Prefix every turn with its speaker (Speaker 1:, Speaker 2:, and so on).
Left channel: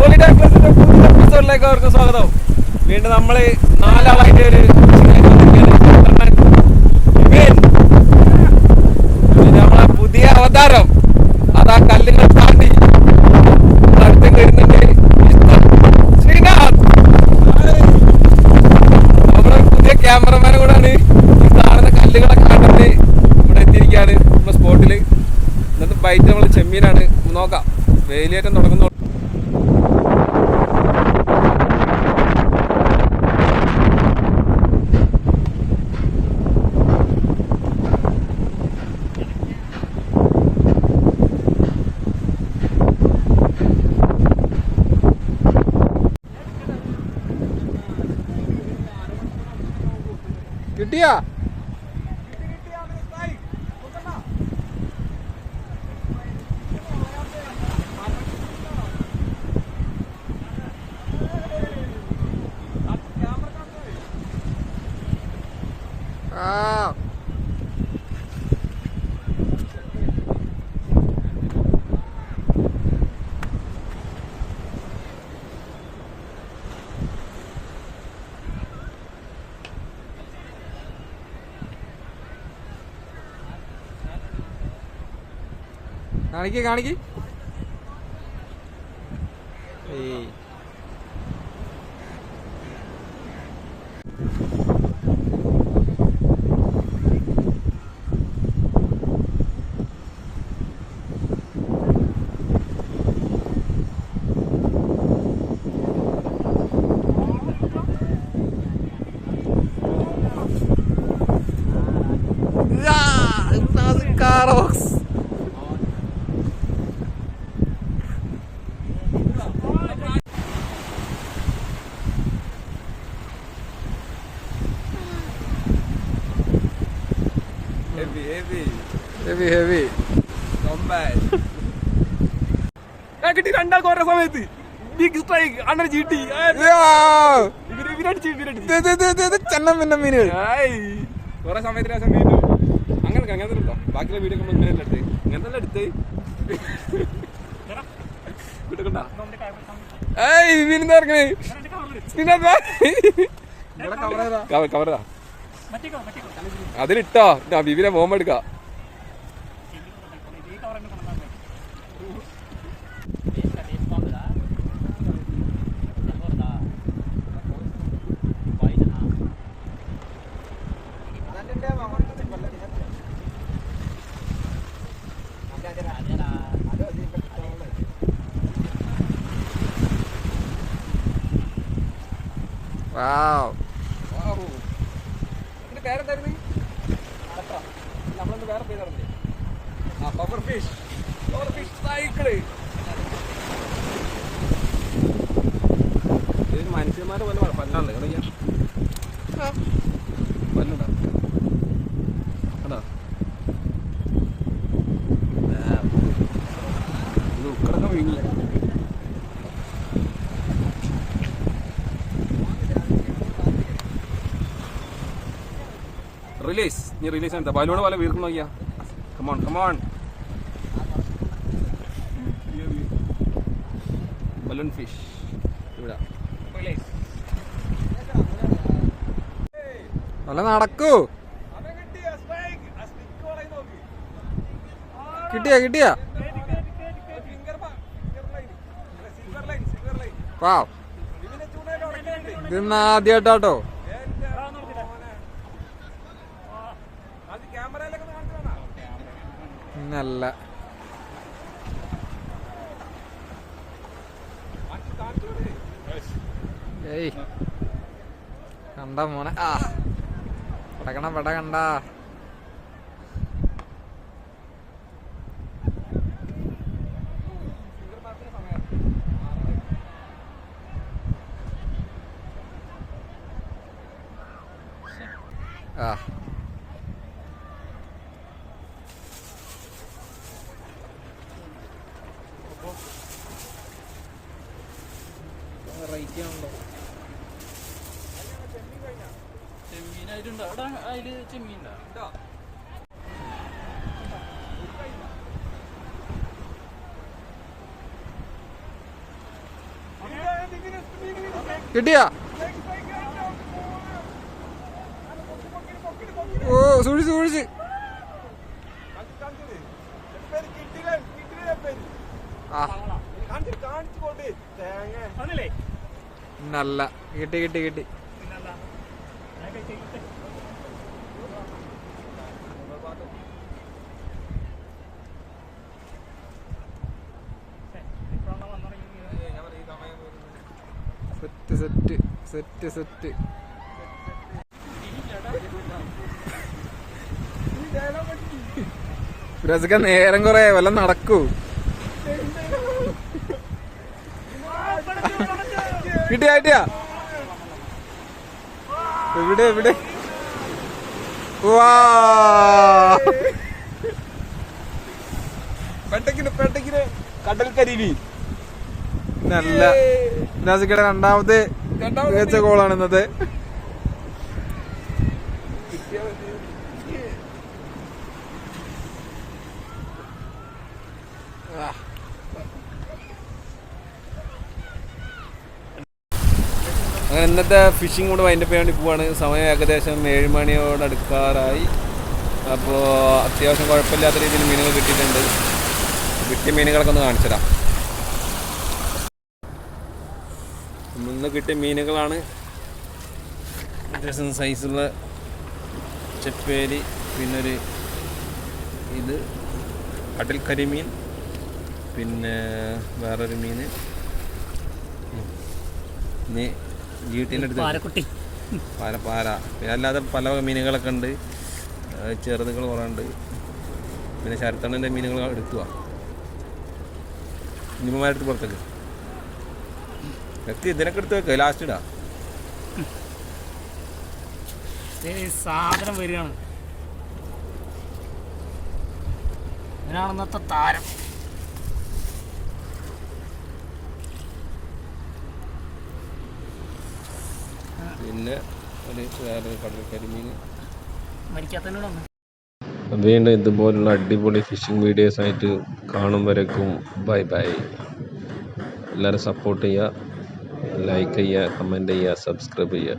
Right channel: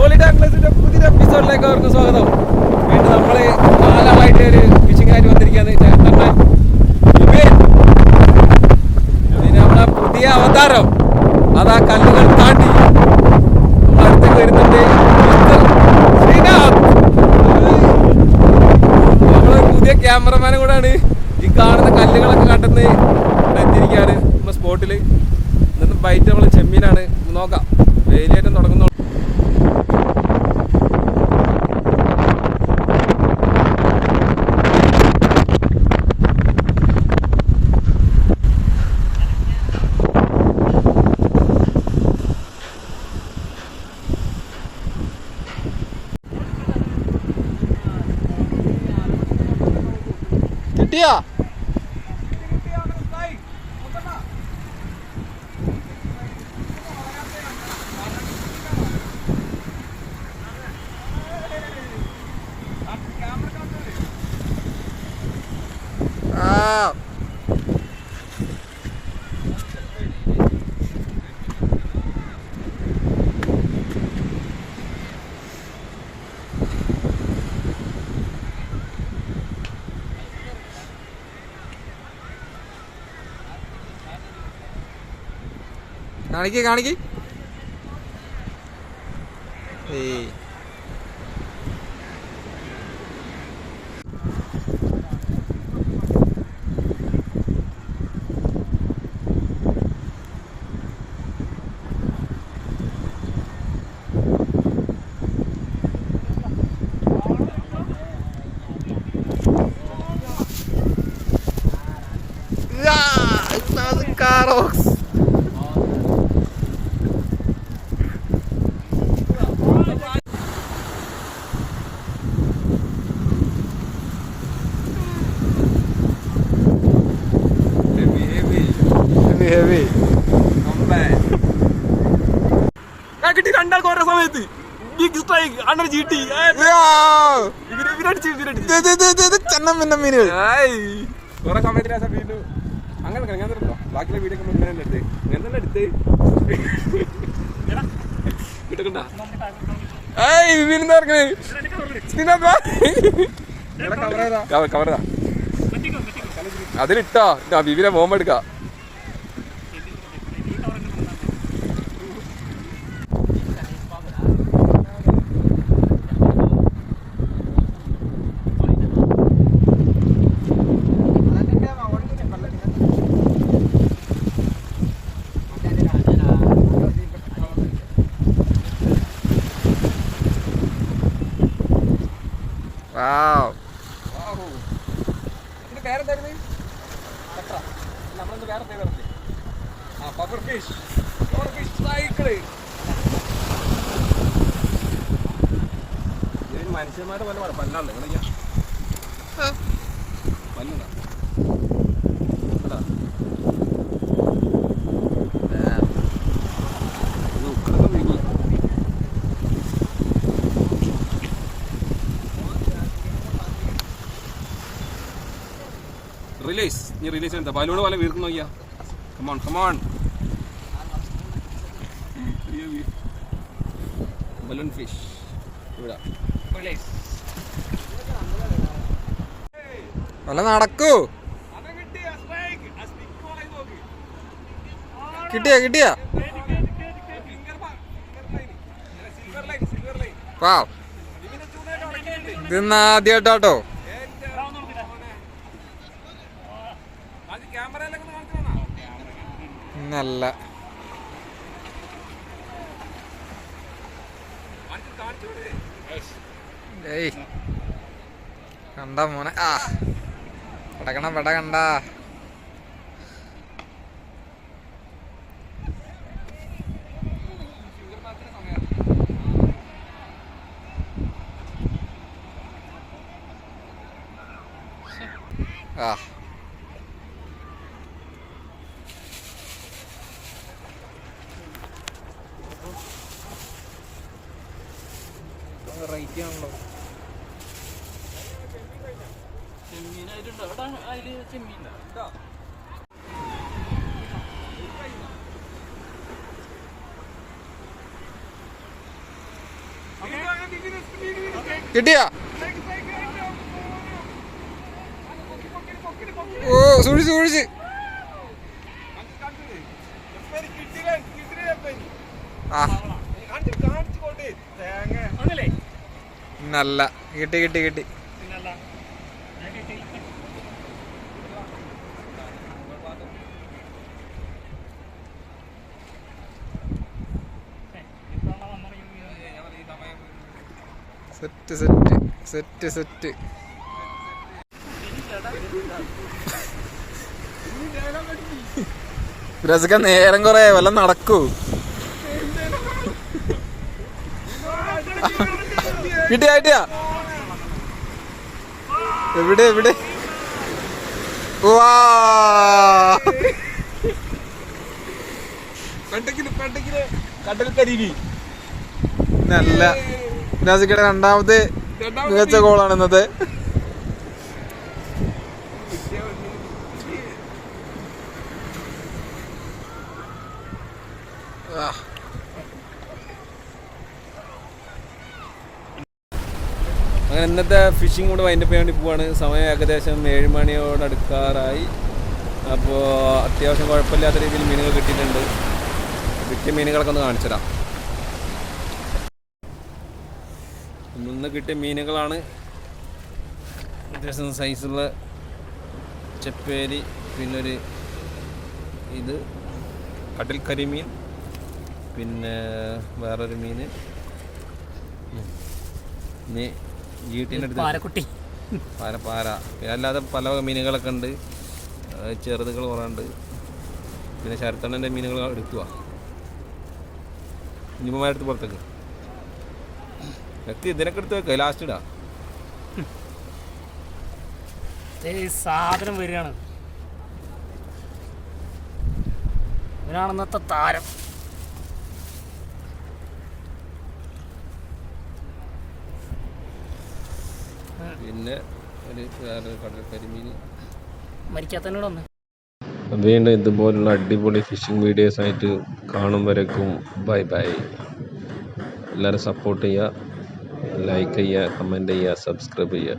Speaker 1: Time പ്ലസിന്റെ പുതിയ എപ്പിസോഡിലേക്ക് അവർക്ക് സ്വാഗതം. വീണ്ടും നമ്മൾ നാലാളായിട്ട് ഒരു കൃഷിക്കാരി വന്നിരിക്കുകയാണ്. ചേട്ടണ്ണൻ വിപിൻ പിന്നെ നമ്മളെ പുതിയ അവതാരം. അതാ കല്ലുകൾ താണ്ടി. അടുത്തേക്ക് വരുന്നുണ്ട് ശ്രീനാഥ്. നമ്മളെ പുതിയ ക്യാമറമാനും കൂടാണ് ഈ കാണുന്ന കല്ലുകളൊക്കെ കണ്ടിട്ട് ഇവിടെ എത്തിയിരിക്കുകയാണ്. നമ്മുടെ സ്പോട്ടിൽ എന്നിട്ട് ബൈറ്റ് നമ്മൾ ചെമ്മീനാണ്. നോക്കാം. വേലിയേറ്റം തുടങ്ങുന്നു കിട്ടിയാ? ആ. കാണിക്ക് കാണിക്ക്. ഏയ്. Ja, ഹെവി ഹെവി
Speaker 2: കിട്ടി രണ്ടാൾ ഓരോ സമയത്ത്. ബിഗ് സ്ട്രൈക്ക് അണ്ടർ ചീട്ടി.
Speaker 1: ചെന്നം പിന്നെ മീനുകൾ.
Speaker 2: കുറെ സമയത്തിന് ആ സമയത്ത് അങ്ങനെ അങ്ങനെ എടുത്തോ ബാക്കിയുള്ള വീഡിയോ ഒക്കെ ഇങ്ങനെ എടുത്ത്? ഇങ്ങനെ എടുത്ത്? കിട്ടണ്ട ഏയ് വിവിനെന്താ ഇറങ്ങണേ അതിലിട്ടോ ബിബിനെ വിവിനെ സൈക്കിൾ മനുഷ്യന്മാരുടെ പോലെ പല്ലുണ്ട് റിലീസ് നീ റിലീസ് ചെയ്താ ബലൂണ് പോലെ വീർക്കുന്നു നോക്കിയാ? Come on come on balloon fish ഇവിടെ.
Speaker 1: വല്ല നടക്കൂ. കിട്ടിയാ കിട്ടിയ? വാവ് ഇത് ആദ്യമായിട്ടാട്ടോ നല്ല ഏയ്. കണ്ട മോനെ. ആ. പടകണ പട കണ്ട. ആ. റേറ്റ് ആണല്ലോ
Speaker 3: ചെമ്മീനായിട്ടുണ്ടോ. അവിടെ അതിൽ ചെമ്മീനുണ്ടോ?
Speaker 1: കിട്ടിയാ? ഓ സൂക്ഷിച്ച് സൂക്ഷിച്ച്. ആ.
Speaker 3: ഒന്നില്ലേ
Speaker 1: നല്ല. കിട്ടി കിട്ടി കിട്ടി. Set set set set. രസക്ക നേരം കുറേ വല്ല നടക്കൂ. കിട്ടിയാ കിട്ടിയാ. എവിടെ എവിടെ? വാ നല്ല. രാസിക്കയുടെ രണ്ടാമത്തെ മികച്ച ഗോളാണ് ഇന്നത്തെ ആ. അങ്ങനെ ഇന്നത്തെ ഫിഷിംഗ് കൂടെ വൈൻഡപ്പ് ചെയ്യാൻ വേണ്ടി പോവാണ്. സമയം ഏകദേശം ഏഴ് മണിയോട് അടുക്കാറായി. അപ്പോൾ അത്യാവശ്യം കുഴപ്പമില്ലാത്ത രീതിയിൽ മീനുകൾ കിട്ടിയിട്ടുണ്ട്. കിട്ടിയ മീനുകളൊക്കെ ഒന്ന് കാണിച്ചതാ ഇന്ന് കിട്ടിയ മീനുകളാണ്. അത്യാവശ്യം സൈസുള്ള ചെപ്പേരി പിന്നൊരു ഇത് കടൽ കരിമീൻ പിന്നെ വേറൊരു മീൻ. ഇനി ജീട്ടീന്റെ അടുത്ത്
Speaker 3: പാരക്കുട്ടി
Speaker 1: പാര പാര പിന്നെ അല്ലാതെ പല മീനുകളൊക്കെ ഉണ്ട്. ചെറുതുകൾ കുറേ ഉണ്ട്. പിന്നെ ശരത്തണ്ണന്റെ മീനുകൾ എടുക്കുക ഇനിമമാരടുത്ത് പുറത്തേക്ക്. എത്തി ഇതിനൊക്കെ എടുത്ത് വെക്കുക ലാസ്റ്റ് ഇടാ.
Speaker 3: സാധനം വരികയാണ്. ഇതിനാണെന്നത്തെ താരം.
Speaker 1: പിന്നെ ഒരു വേറൊരു കടൽ കരിമീൻ. വീണ്ടും ഇതുപോലുള്ള അടിപൊളി ഫിഷിംഗ് വീഡിയോസ് ആയിട്ട് കാണും വരേക്കും. ബൈ ബൈ എല്ലാവരും സപ്പോർട്ട് ചെയ്യുക. ലൈക്ക് ചെയ്യുക കമന്റ് ചെയ്യുക സബ്സ്ക്രൈബ് ചെയ്യുക.